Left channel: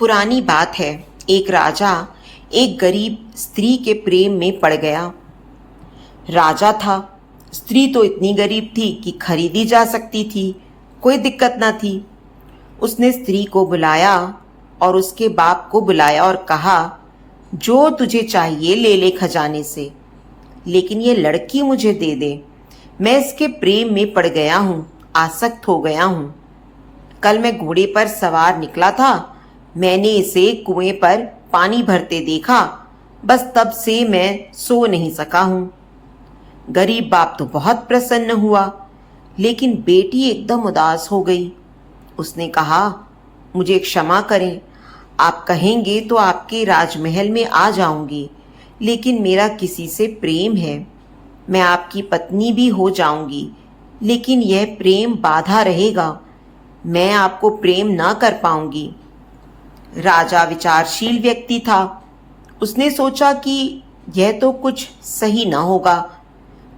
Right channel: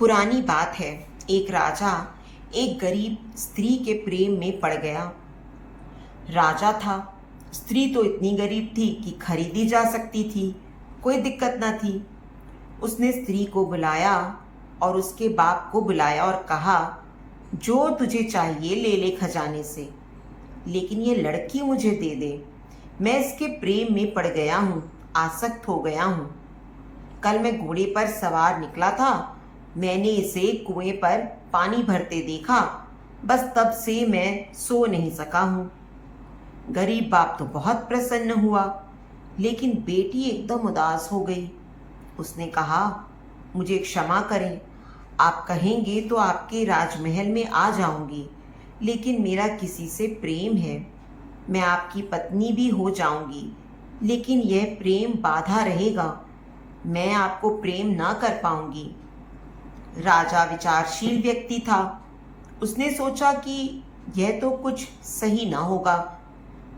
पुरानी बात है। एक राजा एक गरीब स्त्री के प्रेम में पड़ गया। राजा था, स्त्री तो इतनी गरीब थी कि खरीदी जा सकती थी, कोई दिक्कत ना थी। उसने स्त्री को बुलाया और उसके बाप को बुलाया और कहा, जो तुझे चाहिए ले ले खजाने से, लेकिन ये लड़की मुझे दे दे। मैं इसके प्रेम में पड़ गया हूँ, आसक्त हो गया हूँ। कल मैं घोड़े पर सवार निकला था, मैंने इसे कुएं पर पानी भरते देखा, बस तब से मैं सो नहीं सका हूँ। गरीब बाप तो बहुत प्रसन्न हुआ, लेकिन बेटी एकदम उदास हो गई। उसने कहा, मुझे क्षमा करें, आप कहेंगे तो आपके राजमहल में आ जाऊंगी, लेकिन मेरा किसी से प्रेम है। मैं आपकी पत्नी भी हो जाऊंगी, लेकिन यह प्रेम बाधा रहेगा, मैं आपको प्रेम ना कर पाऊंगी। राजा विचारशील व्यक्ति था। उसने सोचा कि यह तो कुछ सही ना होगा।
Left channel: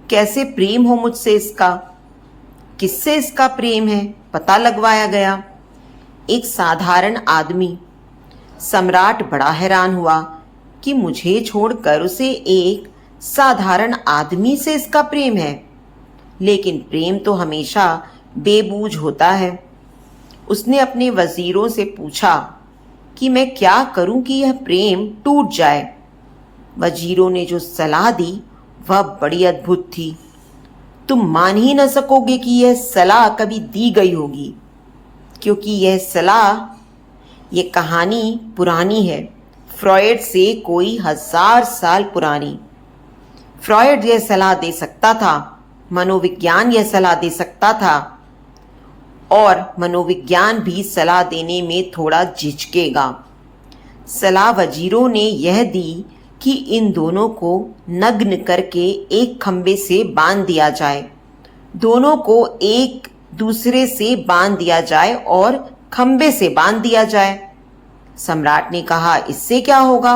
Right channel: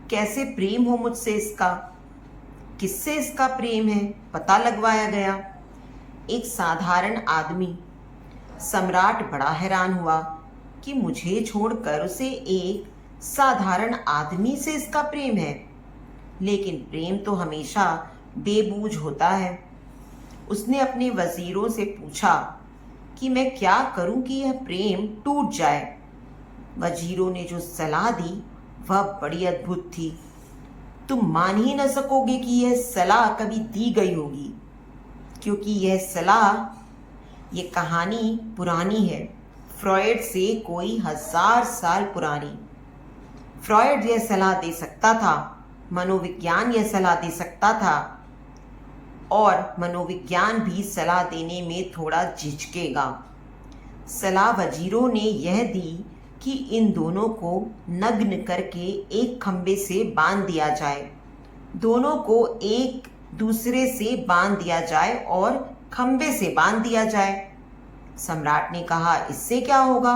कैसे प्रेम हो मुझसे इसका? किससे इसका प्रेम है? पता लगवाया गया। एक साधारण आदमी। सम्राट बड़ा हैरान हुआ कि मुझे छोड़कर उसे एक साधारण आदमी से इसका प्रेम है। लेकिन प्रेम तो हमेशा बेबूझ होता है। उसने अपने वजीरों से पूछा कि मैं क्या करूं कि यह प्रेम टूट जाए। वजीरों ने जो सलाह दी वह बड़ी अद्भुत थी। तुम मान ही न सकोगे कि यह सलाह कभी दी गई होगी, क्योंकि यह सलाह, यह कहानी पुरानी है, फ्रॉयड से कोई 1000 साल पुरानी। फ्रॉयड यह सलाह दे सकता था, मनोविज्ञान यह सलाह दे सकता था, और मनोविज्ञान भी सलाह देने में थोड़ा झिझकेगा। सलाह वजीरों ने यह दी कि इन दोनों को नग्न करके एक खंबे से बांध दिया जाए। दोनों को एक दूसरे से बांध दिया जाए और खंबे से बांध दिया जाए। सम्राट ने कहा, इससे क्या होगा?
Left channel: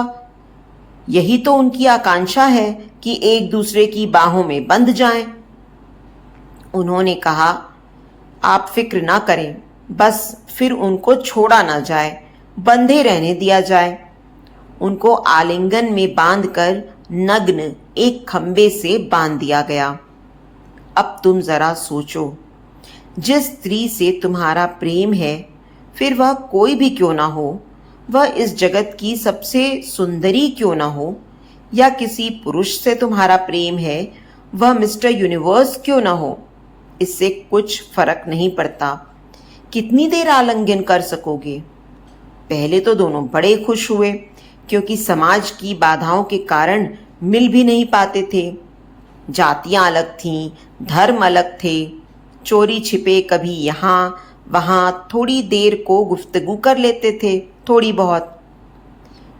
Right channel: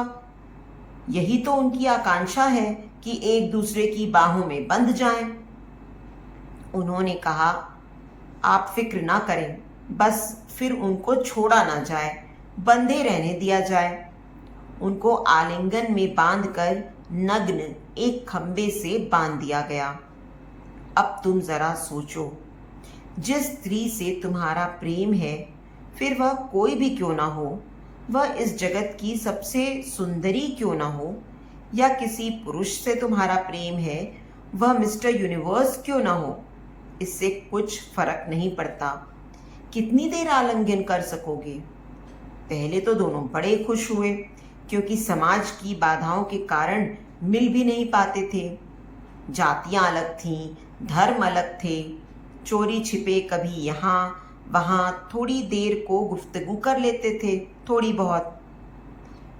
यही तो उनकी आकांक्षा है कि एक दूसरे की बाहों में बंध जाएं। उन्होंने कहा, आप फिक्र ना करें, बस फिर उनको छोड़ा ना जाए, बंधे रहने दिया जाए। उनको आलिंगन में बांधकर नग्न एक खंबे से बांध दिया गया। अब तुम जरा सोचो, जिस स्त्री से तुम्हारा प्रेम है, फिर वह कोई भी क्यों ना हो, वह इस जगत की सबसे सुंदरी क्यों ना हो, या किसी पुरुष से तुम्हारा प्रेम है, वह मिस्टर यूनिवर्स क्यों ना हो, इससे कुछ फर्क नहीं पड़ता। कितनी देर आलिंगन कर सकोगे? पहले तो दोनों बड़े खुश हुए, क्योंकि समाज की बाधाओं के कारण मिल भी नहीं पाते थे। जातियां अलग थीं, धर्म अलग थे। चोरी छिपे कभी यहाँ वहाँ थोड़ी देर को गुफ्तगू कर लेते थे, थोड़ी बहुत।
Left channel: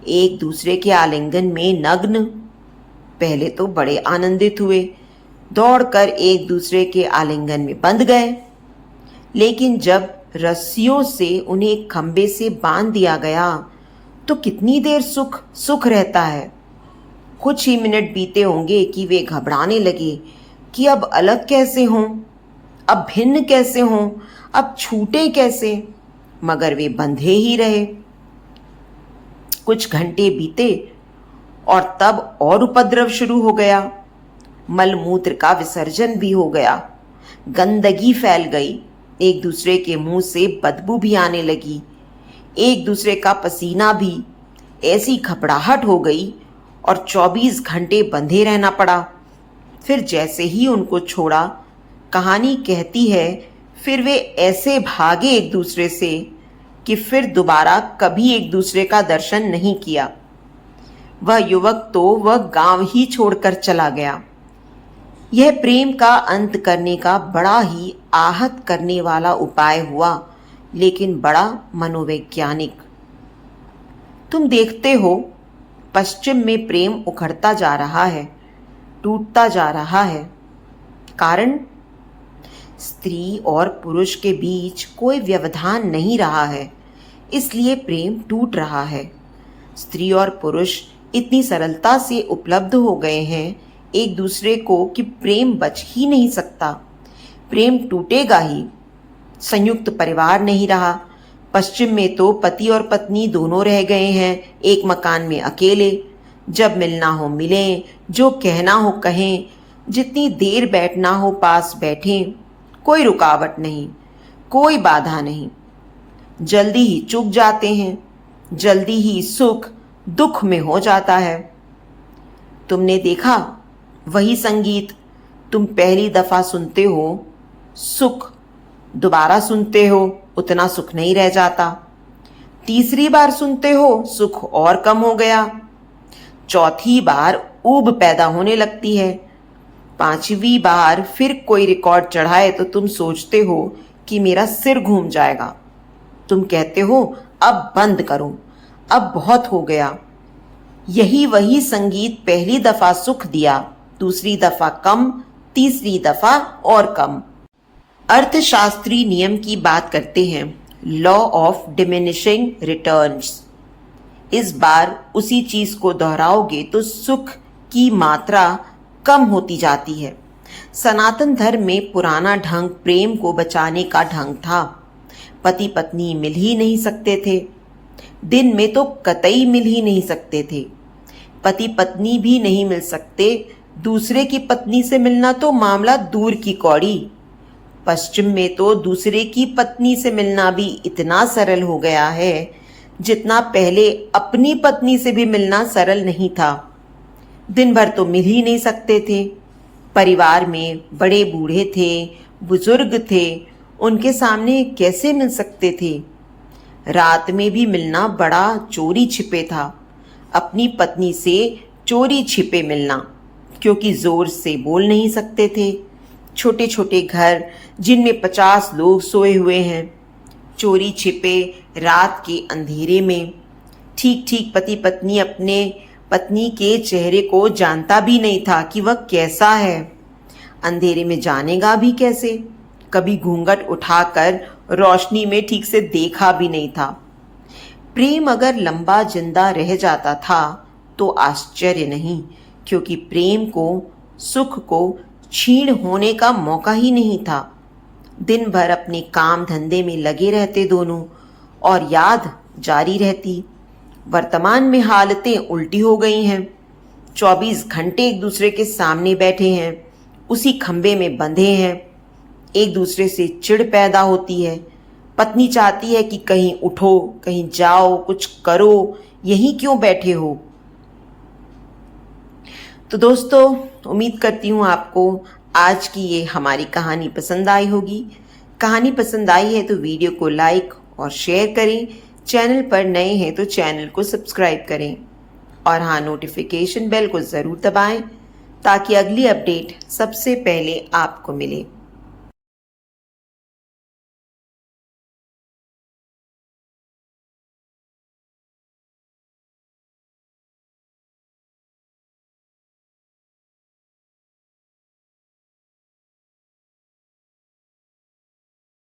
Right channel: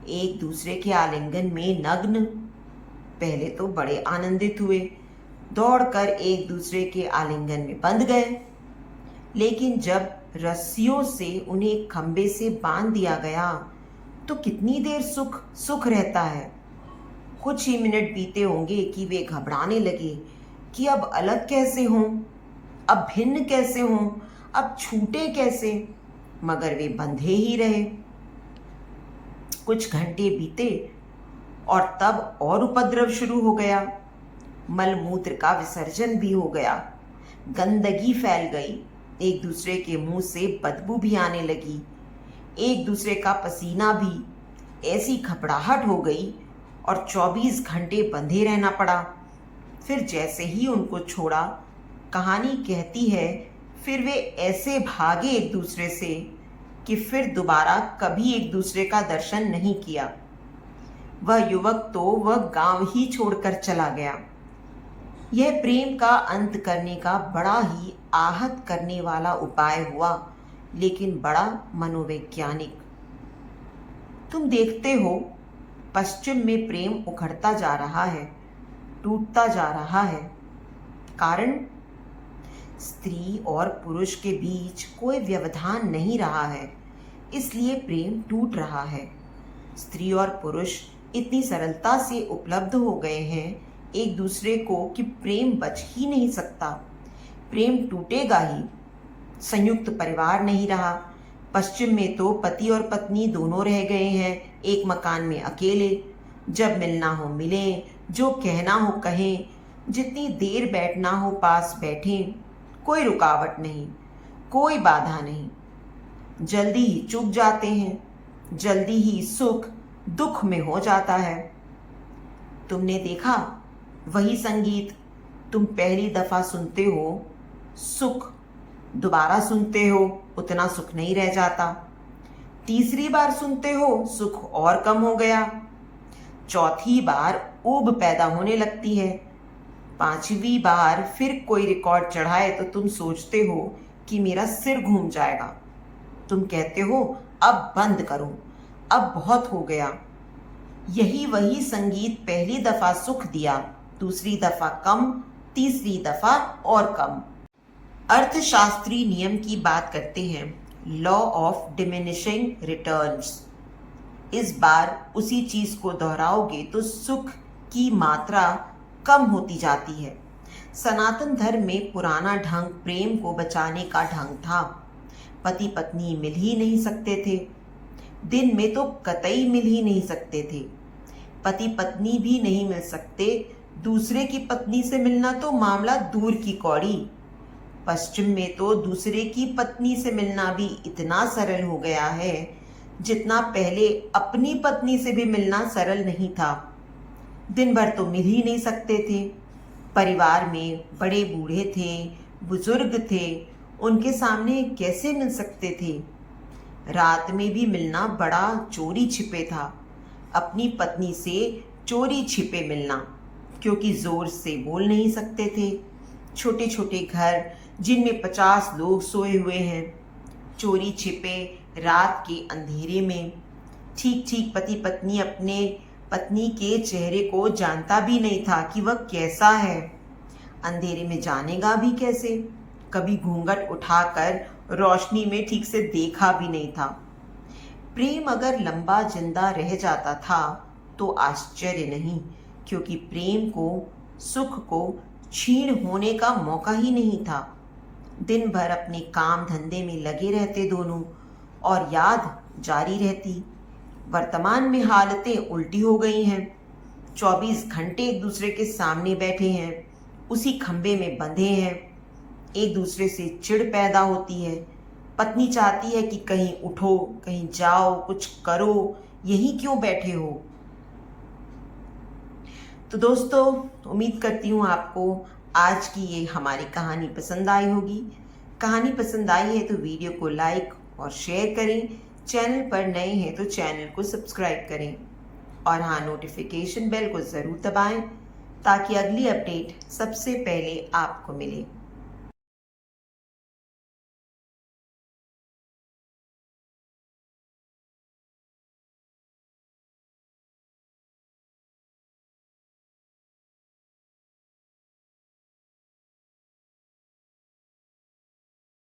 एक दूसरे के आलिंगन में नग्न। पहले तो बड़े आनंदित हुए, दौड़कर एक दूसरे के आलिंगन में बंध गए। लेकिन जब रस्सियों से उन्हें एक खंबे से बांध दिया गया तो कितनी देर सुख रहता है। कुछ ही मिनट बीते होंगे कि वे घबराने लगे कि अब अलग कैसे हों, अब भिन्न कैसे हों, अब छूटे कैसे, मगर वे बंधे ही रहे। कुछ घंटे बीते और तब और उपद्रव शुरू हो गया। मलमूत्र का विसर्जन भी हो गया, गंदगी फैल गई, एक दूसरे के मुंह से बदबू भी आने लगी, एक दूसरे का पसीना भी। ऐसी घबराहट हो गई और 24 घंटे बंधे रहना पड़ा। फिर जैसे ही उनको छोड़ा, कहानी कहती है, फिर वे ऐसे भागे एक दूसरे से कि फिर दोबारा कभी एक दूसरे का दर्शन नहीं किया। वह युवक तो वह गांव ही छोड़कर चला गया। यह प्रेम का अंत करने का बड़ा ही आहत करने वाला उपाय हुआ, लेकिन बड़ा मनोवैज्ञानिक। तुम देखते हो, पश्चिम में प्रेम उखड़ता जा रहा है, टूटता जा रहा है। कारण, स्त्री और पुरुष के बीच कोई व्यवधान नहीं रहा है, इसलिए प्रेम टूट रहा है। स्त्री और पुरुष इतनी सरलता से उपलब्ध हो गए हैं एक दूसरे को कि प्रेम बच ही नहीं सकता। प्रेम टूटेगा ही। संयुक्त परिवार नहीं रहा, पश्चिम में तो पति और पत्नी दोनों रह गए हैं, एक मकान में अकेले। जब मिलना हो मिलें, जो कहना हो कहें, जितनी देर बैठना हो पास बैठें। कोई रुकावट नहीं, कोई बाधा नहीं। जल्दी ही चूक जाते हैं, जल्दी ही सुख दुख में हो जाता है। तुमने देखा, वही संगीत तुम पहली दफा सुनते हो, सुख दोबारा सुनते हो उतना सुख नहीं रह जाता। तीसरी बार सुनते हो सुख और कम हो गया। चौथी बार ऊब पैदा होने लगती है। पांचवी बार फिर कोई रिकॉर्ड चढ़ाए तो तुम सोचते हो कि मेरा सिर घूम जाएगा। तुम कहते हो अब बंद करो, अब बहुत हो गया। यही वही संगीत पहली दफा सुख दिया, दूसरी दफा कम, तीसरी दफा और कम। अर्थशास्त्री नियम की बात करते हैं, लॉ ऑफ डिमिनिशिंग रिटर्न्स। इस बार उसी चीज को दोहराओगे तो सुख की मात्रा कम होती जाती है। सनातन धर्म में पुराना ढंग प्रेम को बचाने का ढंग था। पति पत्नी मिल ही नहीं सकते थे, दिन में तो कतई मिल ही नहीं सकते थे। पति पत्नी भी नहीं मिल सकते, दूसरे की पत्नी से मिलना तो मामला दूर की कौड़ी। पश्चिम में तो दूसरे की पत्नी से मिलना भी इतना सरल हो गया है जितना पहले अपनी पत्नी से भी मिलना सरल नहीं था। दिन भर तो मिल ही नहीं सकते थे। परिवार में बड़े बूढ़े थे, बुजुर्ग थे, उनके सामने कैसे मिल सकते थे। रात में भी मिलना बड़ा चोरी छिपे था, अपनी पत्नी से चोरी छिपे मिलना, क्योंकि जोर से बोल नहीं सकते थे। छोटे छोटे घर जिनमें 50 लोग सोए हुए हैं, चोरी छिपे रात के अंधेरे में। ठीक ठीक पति पत्नी अपने पत्नी के चेहरे को जानता भी नहीं था कि वह कैसा है। अंधेरे में जानेगा भी कैसे, कभी घूंघट उठाकर रोशनी में ठीक से देखा भी नहीं था। प्रेम अगर लंबा जिंदा रह जाता था तो आश्चर्य नहीं, क्योंकि प्रेम को, सुख को क्षीण होने का मौका ही नहीं था। दिन भर अपने काम धंधे में लगे रहते दोनों, और याद जारी रहती। वर्तमान में हालतें उल्टी हो गई हैं। 24 घंटे एक दूसरे के सामने बैठे हैं, उसी खंबे में बंधे हैं। एक दूसरे से चिढ़ पैदा होती है। पत्नी चाहती है कि कहीं उठो, कहीं जाओ, कुछ करो, यहीं क्यों बैठे हो। तो दोस्तों, उम्मीद करती हूँ आपको आज की ये हमारी कहानी पसंद आई होगी। कहानी पसंद आई है तो वीडियो को लाइक और शेयर करें। चैनल पर नए हैं तो चैनल को सब्सक्राइब करें, और हाँ, नोटिफिकेशन बेल को ज़रूर दबाएं ताकि अगली अपडेट सबसे पहले आपको मिले।